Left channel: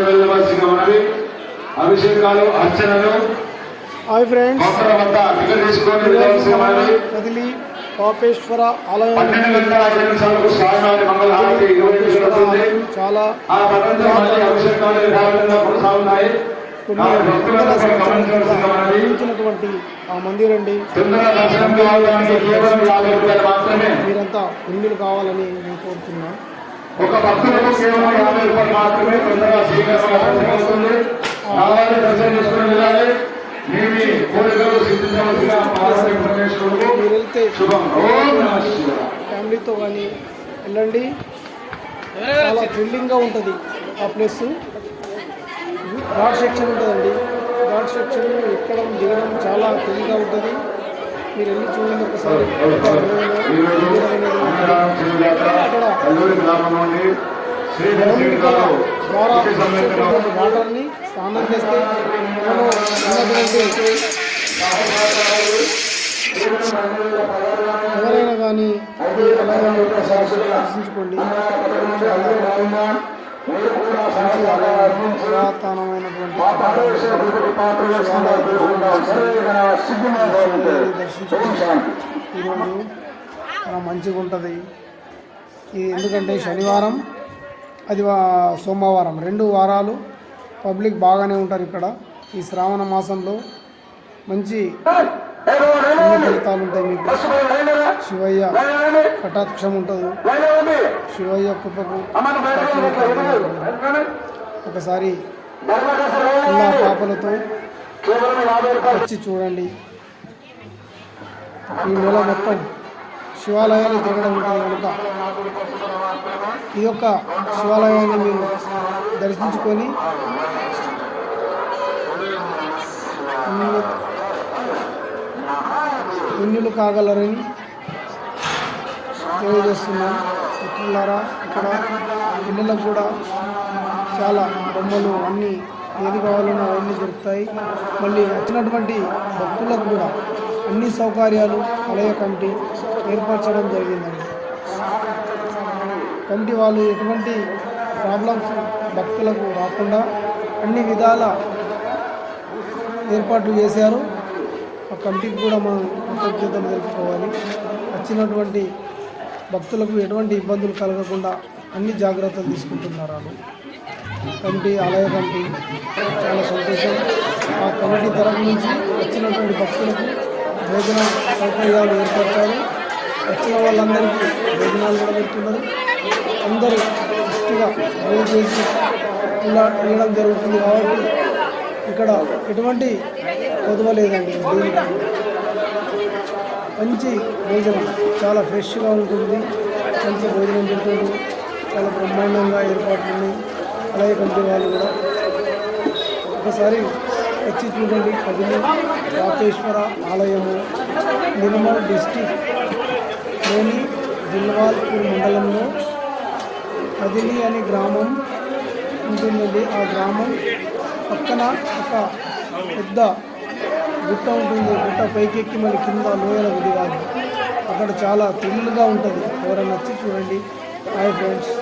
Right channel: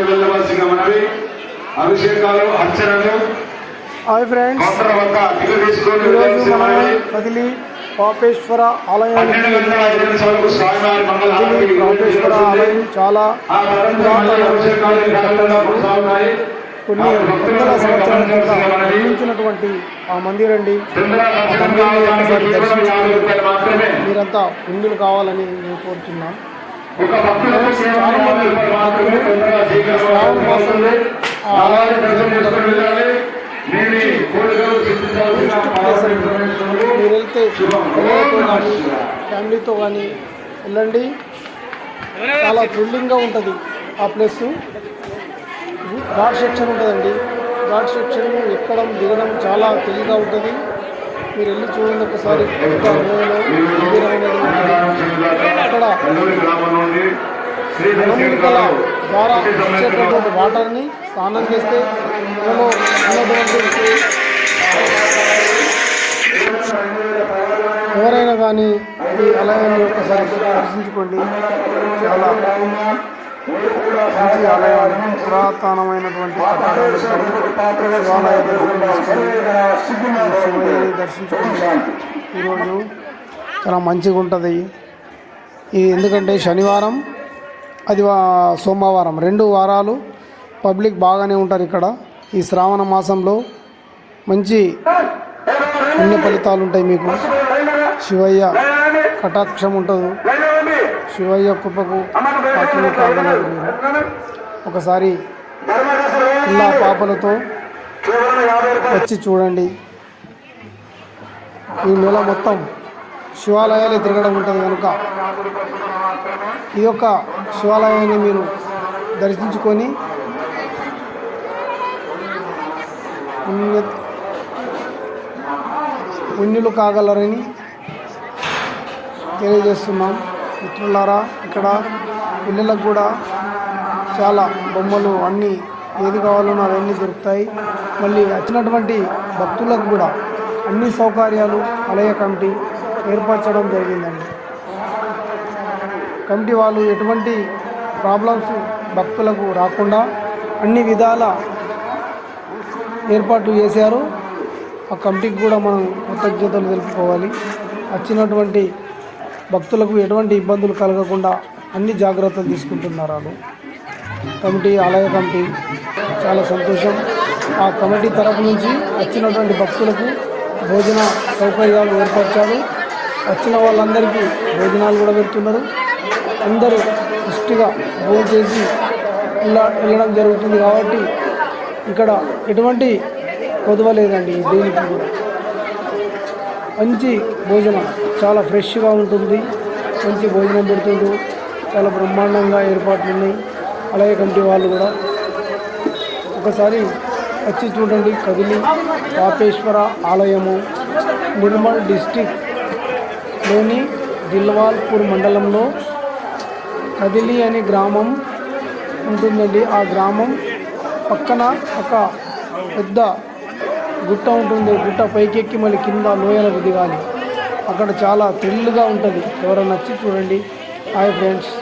వెళ్ళవలసిన మనవి. అభిషేకాలు అర్చనలు. హాయ్ ఫ్రెండ్స్ కదిలి పాపేశ్వర పాపేశ్వర ఆలయం చాలా కొన్ని వందల సంవత్సరాల కింద నిర్మించినటువంటి ఆ మందిర్ అండి. ఆ మందిర్ని ఒకసారి దర్శించుకొని మీరంతా పుణ్యులు కావాలని నేను కోరుతున్నాం ఒక మాత్రమే తొందరగా వెళ్ళాలి. మీ కోరికలు సిద్ధించవలసిన పార్వతీ పరమేశ్వరుడు మీరు వెళ్తే ఫ్యామిలీతో కానీ వెళ్ళండి. చాలా థ్రిల్లింగ్గా ఉంటుంది ఆ ప్లేస్. ఘాట్ సెక్షన్ ఉంటుందండి. ఘాట్ సెక్షన్ ఎక్కడం దిగడం చాలా తెలివిగా ఉంటుంది. మీరు వెళ్ళి చూడండి ఒకసారి. అక్కడ గణముడికల ద్వారా వచ్చేటటువంటి వాటర్ని స్నానం చేస్తే మనలో ఉన్నటువంటి ఎవరైనా కానీ ఈ ఆలయాన్ని ఒకసారి దర్శించుకోండి చాలా మంచి ఆలయం పురాతనమైనటువంటి కట్టడాలు. శివాలయ శివయ్యని ఈరోజు చాలా మంచిగా ఉంటుంది ఇది ఎందుకంటే శనివారం అది సోమవారం. రెండు వారాలు పబ్లిక్ బాగానే ఉంటారు ఇక్కడ. ఈ శ్రావణ మాసంలో మంచి అన్ని ఫలితాలు ఉంటాయి మీకు. శివయ్య కటాక్షం ఉంటుంది. శివయ్య కృపకు ఒకసారి ఇలా పాపలతో వచ్చి చూడండి. ఈ నెల మొత్తం శివాలయాలు తిరగడం ఉంటుంది కనుక. ఈ యొక్క శివాలయాన్ని మీరు దర్శించుకొని పుణ్యులు కాగలరని తెలియజేస్తున్నాం. మిత్రులారా ఇక్కడ పిల్లలకు కూడా చాలా బొమ్మలు అన్నీ ఏది కావాలన్నా అవన్నీ దొరుకుతాయి. మళ్ళీ వచ్చినటువంటి భక్తులకు కూడా అన్ని సౌకర్యాలు ఆలయ కమిటీ ఏర్పరచడం జరిగిందండి. కమిటీ వాళ్ళు ఎటువంటి ప్రాబ్లమ్స్ భక్తులకు రాకుండా అన్ని విధాల ఏర్పాట్లు చేశారు. ఆ కమిటీకి కూడా మనం కృతజ్ఞతలు తెలుపుకోవాలి. వచ్చినటువంటి భక్తులకు ఎటువంటి ఇబ్బందులు కలగకుండా అన్ని జాగ్రత్తలు తీసుకుంటున్నారు వాళ్ళు. కమిటీ ఆలయ కమిటీ చాలా సంతోషం. ఆ కమిటీ తరపు నుంచి వచ్చినటువంటి భక్తులకు భోజన సౌకర్యాలు ఏర్పరచాలి వచ్చిన వాళ్ళందరికీ భోజనాలు కూడా పెడుతున్నారు. అందరూ ఇష్టగా భోజనం చేసి ఇలా వెళ్ళడం జరుగుతుంది కాబట్టి ఇక్కడ ఎటువంటి కొదవ లేదండి దేనికి కూడా. మంచి భోజనం చాలా ఫ్రెష్గా ఉంటుంది. మంచి భోజనం పెడుతుండ్రు. చాలా బ్రహ్మాండంగా ఏర్పాట్లు ఉన్నాయి. అలాగే కమిటీ వాళ్ళు కూడా. ఒకసారి వచ్చి చూడండి. కదిలి పాపేశ్వర ఆలయము నిర్మల్ డిస్టిక్లోని దిల్వాల్పూర్ మండలంలో కదిలి అనే గ్రామం ఉంటుందండి. ఆ గ్రామం పక్కన ఒక పెద్ద గుట్ట ఉంటుంది. గుట్ట పైకెక్కి మళ్ళీ కింద లోయలకు దిగాలి అక్కడ చాలా థ్రిల్గా ఉంటుంది. ఎవరైనా వచ్చి చూడండి. Hi friends.